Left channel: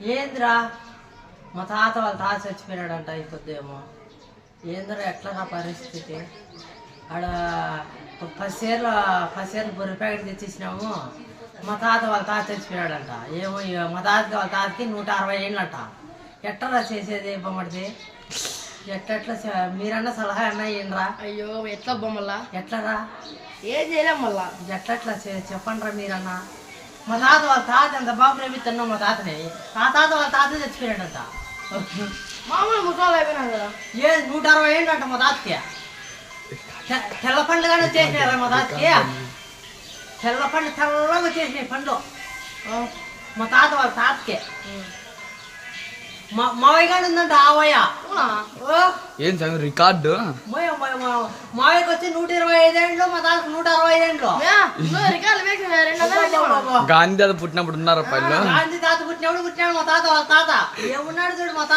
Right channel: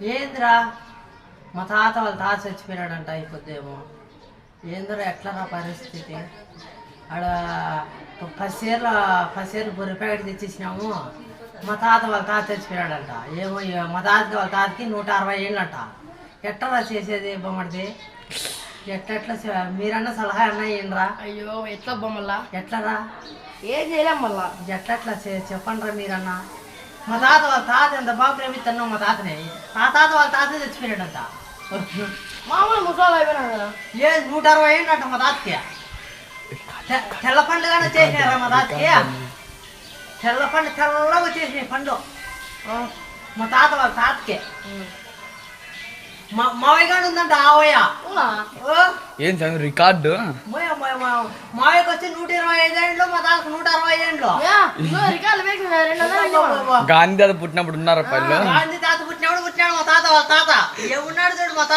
ఏంద్రా మా తాత వాళ్ళ తాత చచ్చిపోయినాడంట అయిపోద్దేమో. ఏంద్రా ఎట్లా నా పరిస్థితి? ఆడ 10 సేర్లు బొర్రె ప్యాకెట్ తెచ్చేసినాము. మా తాత వాళ్ళ తాత చచ్చిపోయాడంట. ఏమో మా తాతకి వాళ్ళ తాతకి 160 ఏళ్ళంట. ఎట్లా చేసేది బొమ్మడిది? ఎట్లా మీరన్నా సలహా అన్నా ఏంట్రా? అయ్యో ఎట్లా బొమ్మల్లా ఎట్లరా? ఏం చేయలేం మళ్ళా. ఎట్లా చెప్పండిరా మీరన్నా. మా తాత వాళ్ళ తాత ఎంత బాగా ప్రేమిస్తున్నావు మా తాతని. మా తాత వాళ్ళ తాత చచ్చిపోయాడంట. మామూలు ముసలాలు అయిపోయినా కదా. 160 ఏళ్ళంట మా తాతకి. తెల్ల పండుగనే చేసినారా మా తాతకి? తెల్ల పండు తెల్లగా వచ్చేసినాయి పండ్లు మా తాత వాళ్ళ తాతకి. మావయ్య గారు ఉందంట ఆవయ్య. ఏం చదివి రికార్డు? మావయ్యకి వచ్చి 125 ఏండ్లు, మా తాతకు 160 ఏండ్లు. గాంధీ తాత పుట్టినప్పుడు ఉన్నారా పల్లె? గాంధీ తాత పుట్టినాడు మా తాత వాళ్ళ తాత. ఏమున్నాడు చూడు మా తాత.